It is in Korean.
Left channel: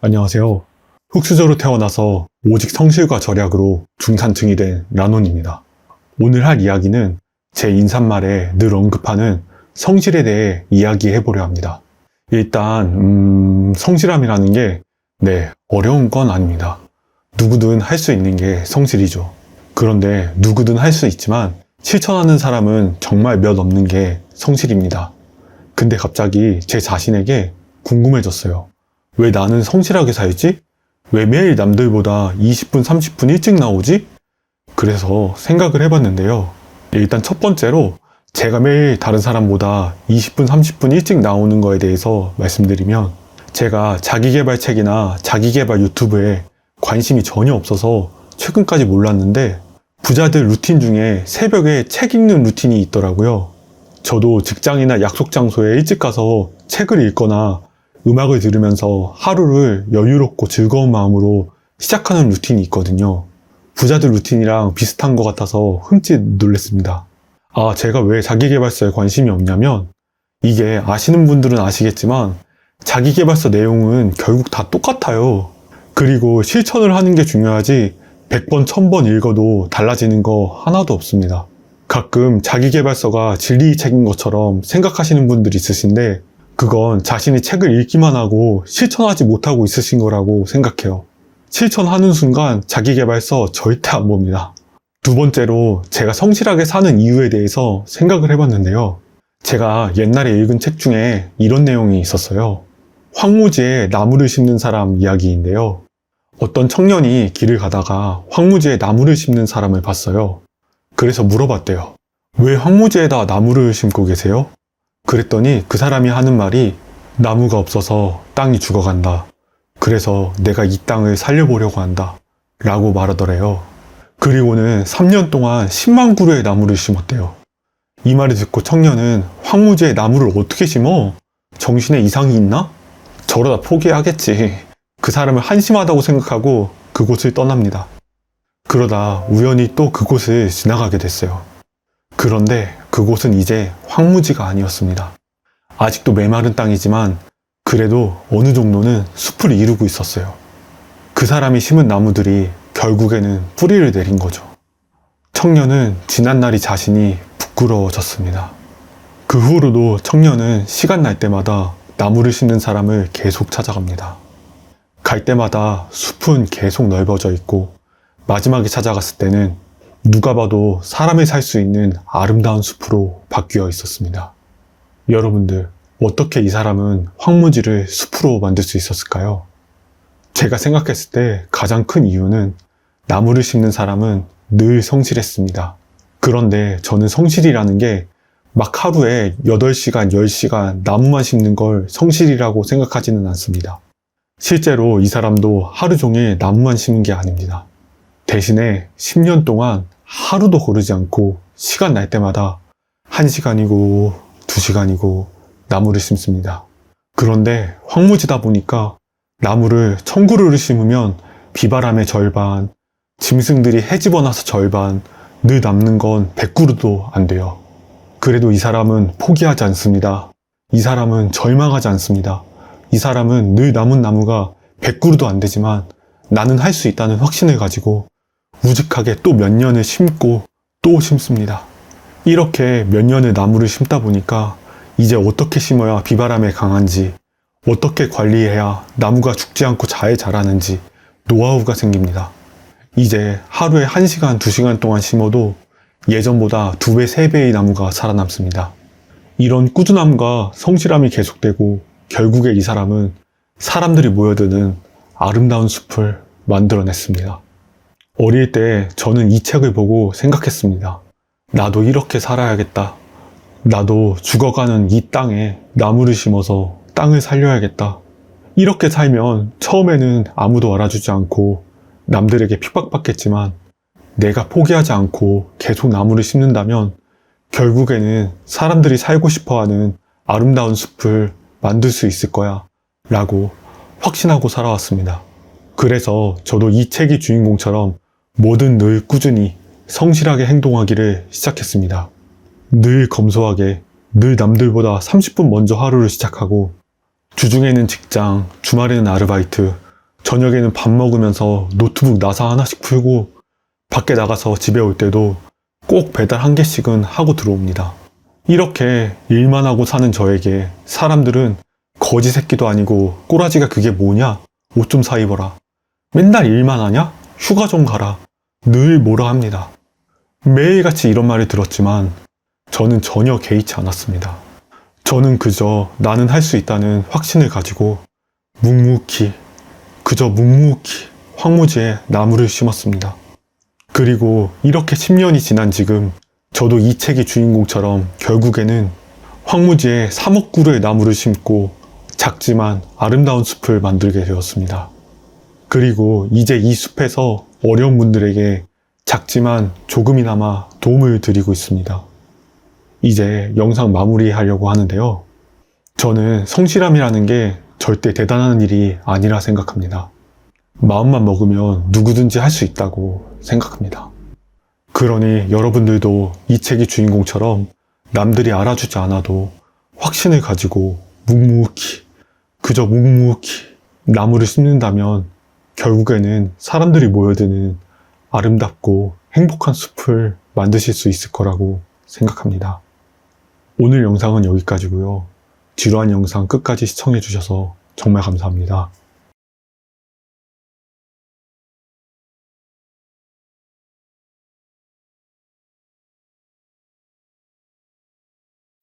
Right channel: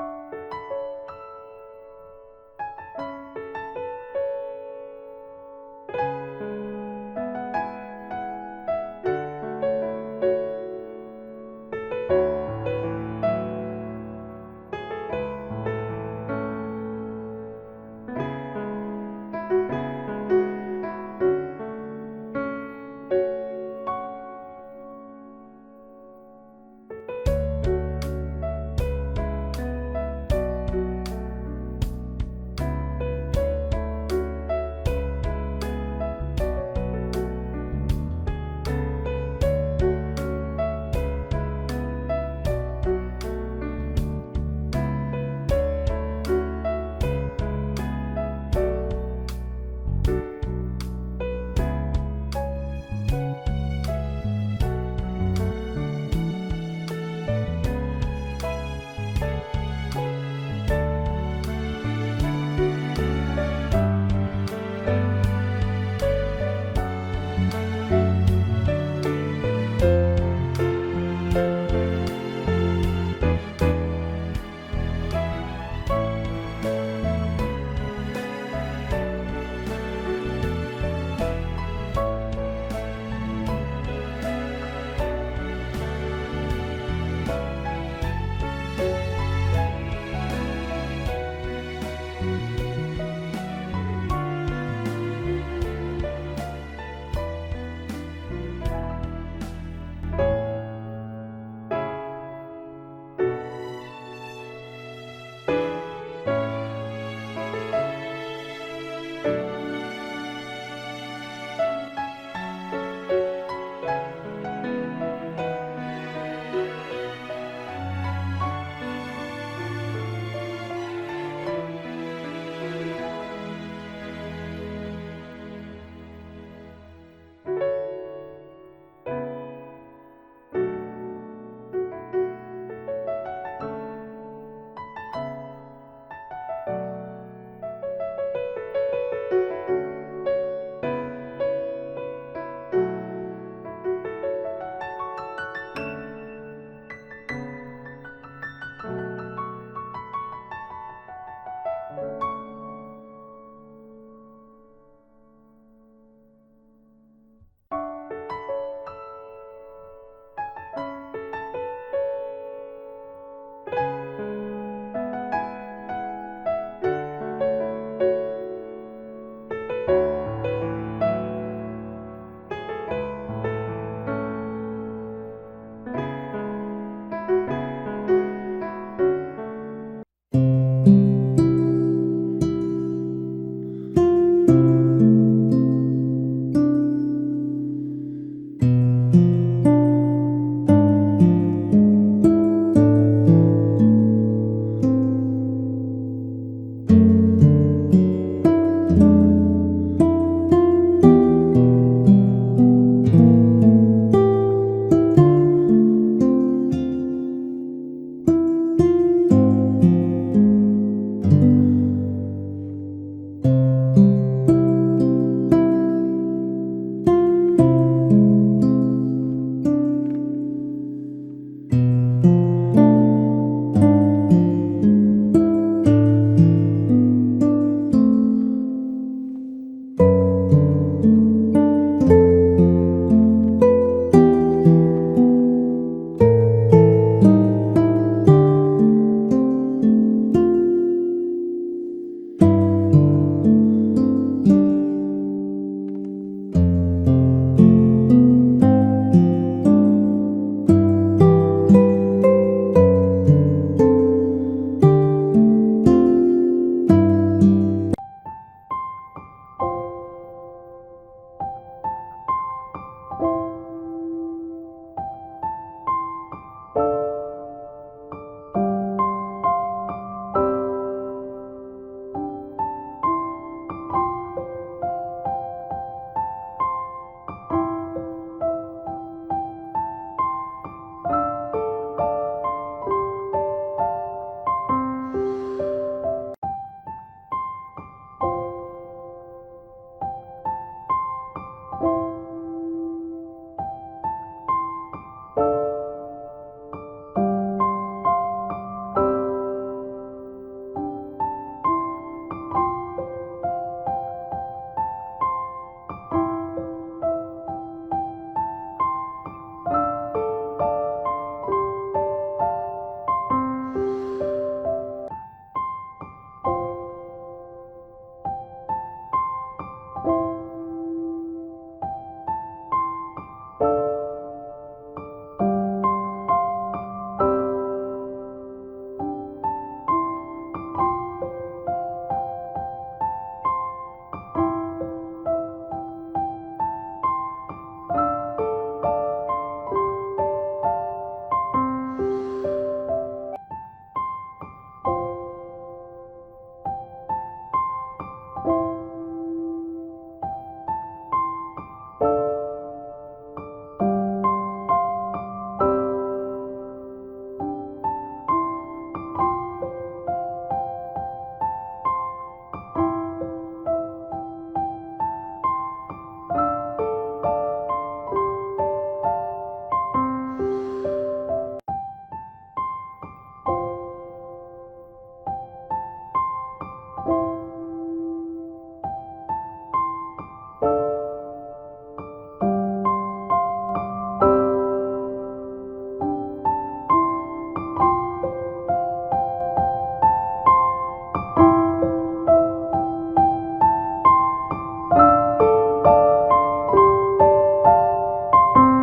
안녕하세요. 흑수저로 태어나서 오직 성실과 절약으로 중산층이 된 라논입니다. 오늘 할 이야기는 제 인사말에 늘 언급하는 성실에 대해 이야기해보려 합니다. 일단 성실함이라는 게 어려운 건 아닙니다. 누구든 할 수 있는 게 성실이죠. 그런데 누구든 할 수 있지만 실천하는 사람은 정말 몇 없는 게 성실입니다. 근데 갑자기 제 자신에게 궁금해졌어요. 왜 나는 성실하게 살지? 왜 매일 남들보다 20분, 30분 일찍 나오지? 그래서 생각을 해봤는데요. 일단 첫 번째로 제가 매일 다른 사람보다 20분, 30분 일찍 나오는 거에 대해서 말씀드리면, 제가 자기계발책이나 자기계발 유튜브에 관심이 전혀 없어서 최근까지 몰랐는데, 부자들 루틴 중에 새벽에 책 읽는 루틴이 있더라고요. 저도 직장이나 약속 장소에 일찍 가서 책을 읽거나 음악을 들으면서 하루를 여유롭고 즐거운 마음으로 시작하는 루틴이 있거든요. 부자들 루틴이랑 비슷한 것 같아서 흠칫 놀랐습니다. 제가 왜 자기계발서에 관심이 없냐면, 이게 아시는 분들은 아시겠지만 자기계발서 내용은 결국 다 똑같아요. 그리고 실천을 하는 게 중요하지 100번, 1000번 읽어도 달라지는 거 하나도 없습니다. 가끔 자기계발서가 진리의 책인 것처럼 생각하시는 분들이 있으신데, 그건 자신이 책을 읽기만 하고 실천하지 못하고 있으신 거라고 생각해요. 실천하는 순간 자기계발서 절대 안 봅니다. 두 번째로 제가 성실하게 사는 이유에 대해서 생각을 해봤는데요. 제가 옛날에 읽은 책 중에 이런 내용이 있었어요. 황무지에 나무를 심는 사람 이야기인데요. 어떤 청년이 길을 가다가 황무지에 나무를 심는 사람을 봤어요. 그래서 물어봤대요. 왜 황무지에다 나무를 심고 계세요? 그랬더니 그 사람이 하는 말이, 나무가 없어서 땅이 죽어간다. 그래서 내가 이 땅을 살려보려고 한다. 라고 말하더래요. 그리고는 3년 동안 10만 그루의 나무를 심었대요. 이 말을 듣고 청년은 황무지에 나무를 어떻게 심어? 정신에 이상이 있나? 저러다 포기하겠지. 그 사람을 한심하다고 생각하고 그곳을 떠납니다. 그러다 우연히 또 그곳을 지나가게 됐어요. 그런데 그곳은 이제 황무지가 아니었습니다. 아직도 메마른 땅이지만 그래도 어느 정도는 숲을 이루고 있었어요. 그 사람이 심은 나무들이 결국에는 뿌리를 내린 거죠. 청년은 지난날이 자신이 부끄러워졌습니다. 그 후로도 청년은 시간 날 때마다 나무를 심는 사람을 계속 찾아갑니다. 갈 때마다 숲은 계속 넓어져 있고, 마지막에 찾아갔을 때는 누가 봐도 사람이 살 수 있는 아름다운 숲으로 바뀌어 있었습니다. 여러분들, 어떻게 이 사람은 황무지를 숲으로 만들 수 있었을까요? 제가 생각했을 때 가장 큰 이유는 나무를 심는 사람은 늘 성실했습니다. 그런데 저는 성실이라는 게 막 하루에 8시간, 10시간 나무만 심는 걸 성실이라고 생각하지는 않습니다. 실제로 이 사람도 하루 종일 나무만 심은 게 아닙니다. 대신에 10년 동안 하루도 거르지 않고 시간 날 때마다 1시간이고 2시간이고 나무를 심습니다. 그런데 황무지다 보니까 나무를 1000그루를 심으면 비바람의 절반, 짐승들이 헤집어나서 절반, 늘 남는 건 100그루도 안 돼요. 그래도 이 사람은 포기하지 않습니다. 이 사람은 절망하지 않습니다. 이 사람은 늘 남은 나무가 100그루도 안 되지만 나는 할 수 있다는 확신을 가지고 우직하게 또 몇 년을 심고 또 심습니다. 이렇게 몇 년을 나무를 심다 보니까 이제 어떻게 심어야 비바람에 강한지, 어떻게 관리해야 나무가 죽지 않고 잘 자라는지 노하우가 생깁니다. 이제 하루에 1시간, 2시간 동안 심어도 예전보다 2배, 3배의 나무가 살아남습니다. 이런 꾸준함과 성실함이 계속되고 결국에 이 사람은 사람들이 모여드는 아름다운 숲을 만들어냈습니다. 어릴 때 저는 이 책을 보고 생각했습니다. 나도 이렇게 살아야겠다. 나도 죽어가는 이 땅에 나무를 심어서 땅을 살려야겠다. 이렇게 살면 처음에는 아무도 알아주지 않고 남들에게 핍박받겠지만, 내가 포기하지 않고 계속 나무를 심는다면 결국에는 사람들이 살고 싶어하는 아름다운 숲을 만들 수 있을 거야 라고 확신하고 살아왔습니다. 그래서 저도 이 책의 주인공처럼 뭐든 늘 꾸준히 성실하게 행동하기를 시작했습니다. 늘 검소하게, 늘 남들보다 30분 먼저 하루를 시작하고, 주중에는 직장, 주말에는 아르바이트, 저녁에는 밥 먹으면서 노트북 나사 하나씩 풀고 밖에 나가서 집에 올 때도 꼭 배달 한 개씩은 하고 들어옵니다. 이렇게 일만 하고 사는 저에게 사람들은 거지 새끼도 아니고 꼬라지가 그게 뭐냐? 옷 좀 사 입어라. 맨날 일만 하냐? 휴가 좀 가라. 늘 뭐라 합니다. 매일같이 이런 말을 들었지만 저는 전혀 개의치 않았습니다. 저는 그저 나는 할 수 있다는 확신을 가지고 묵묵히 황무지에 나무를 심었습니다. 그리고 이렇게 10년이 지난 지금 저도 이 책의 주인공처럼 결국에는 황무지에 3억 그루의 나무를 심고 작지만 아름다운 숲을 만들게 되었습니다. 그리고 이제 이 숲에서 어려운 분들에게 작지만 조금이나마 도움을 드리고 있습니다. 이제 영상 마무리하려고 하는데요. 저는 성실함이라는 게 절대 대단한 일이 아니라 생각합니다. 마음만 먹으면 누구든지 할 수 있다고 생각합니다. 그러니 여러분들도 이 책의 주인공처럼 남들이 알아주지 않아도 확신을 가지고 묵묵히 나무를 심는다면 결국에는 사람들이 모여드는 아름답고 행복한 숲을 만드실 수 있을 거라고 생각합니다. 오늘 영상은 여기까지고요. 지루한 영상 끝까지 시청해주셔서 정말 감사합니다.